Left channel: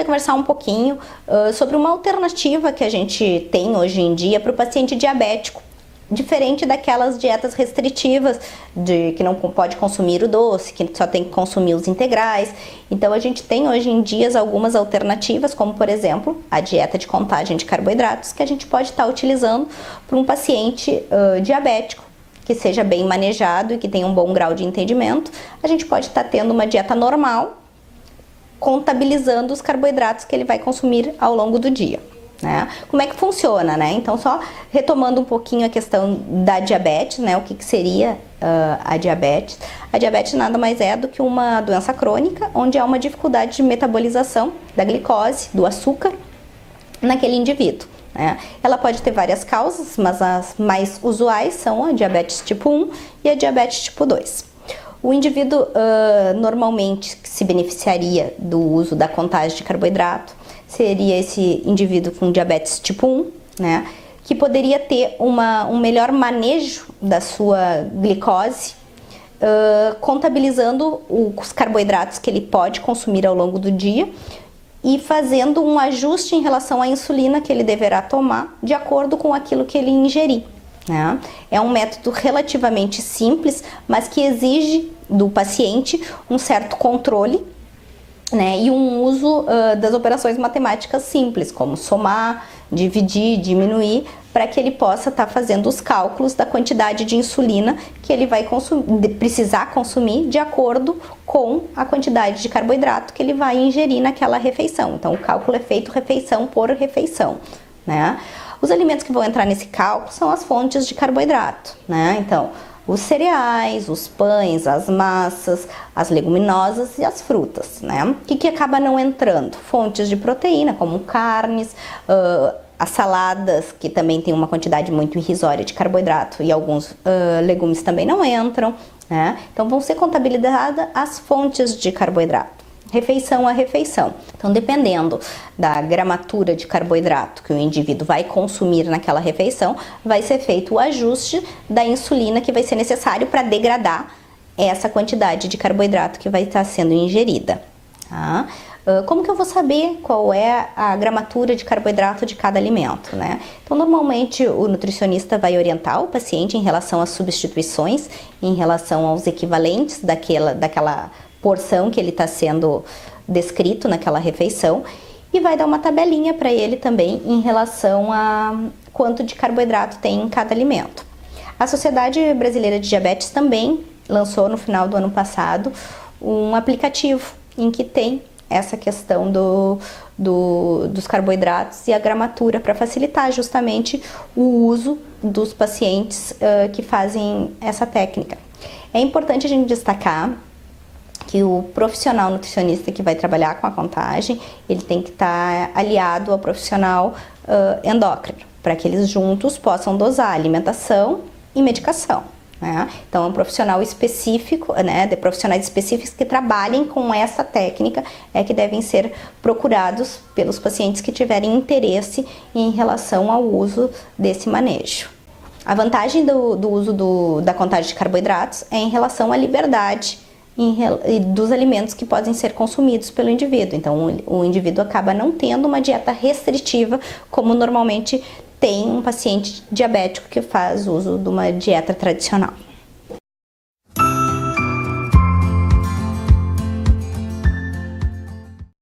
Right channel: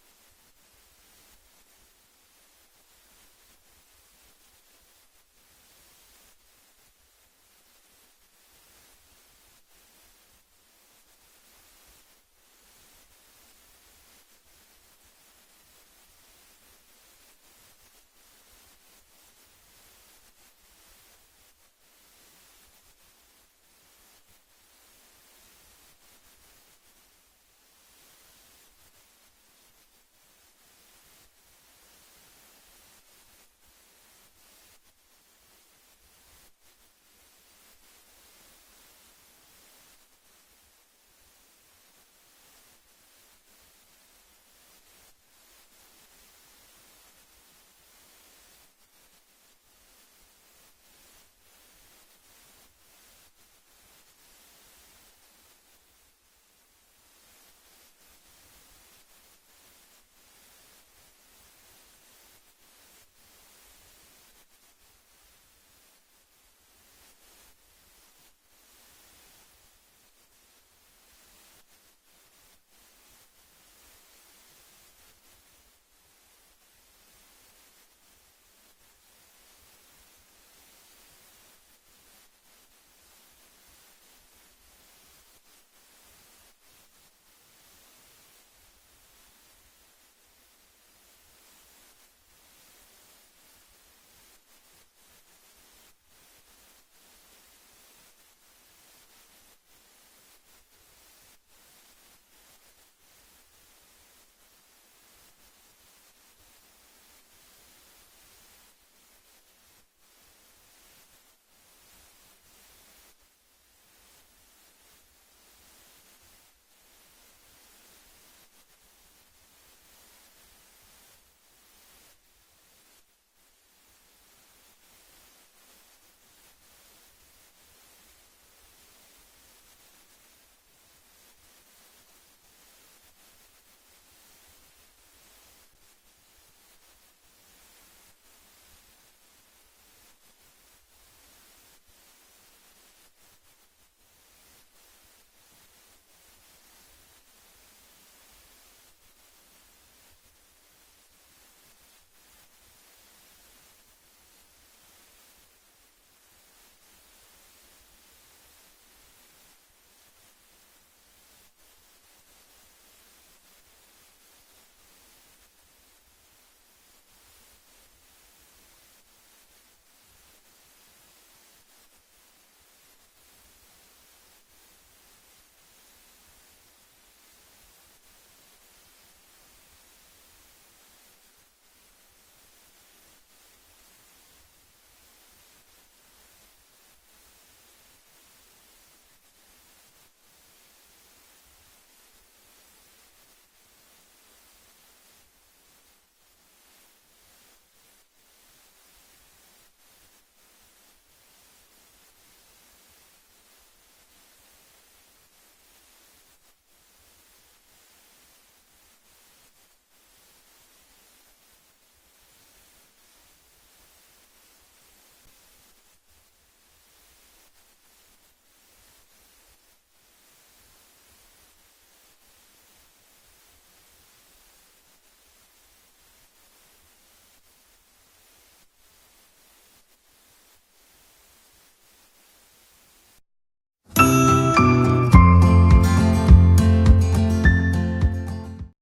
vai conversar um pouquinho sobre uma alternativa que a gente tem hoje em dia para o paciente diabético, diferente daquelas dietas restritivas de que não pode consumir o doce, que só tem que consumir os integrais. Então a gente tem hoje em dia algumas alternativas, como por exemplo a dieta de contagem de carboidratos, que a gente pode estar utilizando para um paciente diabético que seja bem manejado e que tenha um bom grau de entendimento. A gente pode estar tendo uma dieta normal, contabilizando os carboidratos que ele vai consumir ao longo do dia, né? Como é que funciona, né? Então, só retomando um pouquinho a questão da diabetes, né? O que seria a diabetes? A diabetes nada mais é do que uma doença crônica, onde há uma dificuldade de metabolização da glicose, do açúcar, naquele indivíduo, né? Ela pode ter várias causas, mas as mais usuais são a diabetes tipo 1 e a diabetes tipo 2. O indivíduo normalmente que se beneficiaria do uso da contagem de carboidrato seria esse indivíduo com diabetes tipo 1, né, que poderia ter um melhor manejo da sua glicose, contabilizando os carboidratos que ele pode consumir ao longo do dia e fazendo um ajuste em relação à insulina que ele deverá tomar de acordo com aquilo que ele ingerir, né? É um método relativamente simples, mas que exige do paciente um certo controle, né, e um uso das operações matemáticas simples, como somar, dividir, diminuir, para que ele possa estar fazendo os cálculos da quantidade de insulina que ele vai precisar consumir de acordo com a quantidade de carboidrato que ele vai ingerir naquela refeição. Então, o cálculo é feito refeição por refeição, né? Os alimentos que vão entrar nesse cálculo são as fontes de carboidrato, né? Então, os cereais, os pães, as massas, as leguminosas e as frutas, né? O que acaba não entrando? Fontes de proteína, como carnes, as saladas, que também tem uma quantidade muito irrisória de carboidrato, e alguns legumes também não entram, né? Então, vão ser contabilizadas as fontes de carboidrato, refeição a refeição. Então, dependendo da gramatura de carboidrato que o indivíduo vai consumir naquela refeição, vai ser feito o ajuste da insulina que vai ser necessário para degradar essa quantidade de carboidrato que vai estar sendo ingerida, tá? Como que eu vou saber qual é a gramatura de carboidrato de cada alimento, né? Então, normalmente o nutricionista vai orientar o paciente em relação às substituições, em relação aos equivalentes daquela porção que ele está sendo descrito naquela refeição, e vai dar uma tabelinha para ele também em relação a quanto de carboidrato tem em cada alimento. A Sociedade Brasileira de Diabetes também lançou no final do ano passado um aplicativo em que tem essa questão dos carboidratos e a gramatura para facilitar justamente o uso dos pacientes que fazem essa técnica. É importante a gente destacar que o profissional nutricionista que vai trabalhar com a contagem, ele tem que estar aliado ao profissional endócrino, para que eles juntos possam dosar alimentação e medicação, né? Então, é um profissional específico, né, de profissionais específicos que trabalhem com essa técnica que devem ser procurados pelos pacientes que tiverem interesse em relação ao uso desse manejo. A vantagem do uso da contagem de carboidratos é em relação à liberdade dos alimentos que podem ser consumidos pelo indivíduo. Então, o indivíduo acaba não tendo uma dieta restritiva, como normalmente tem um paciente diabético que faz uso de uma dieta tradicional.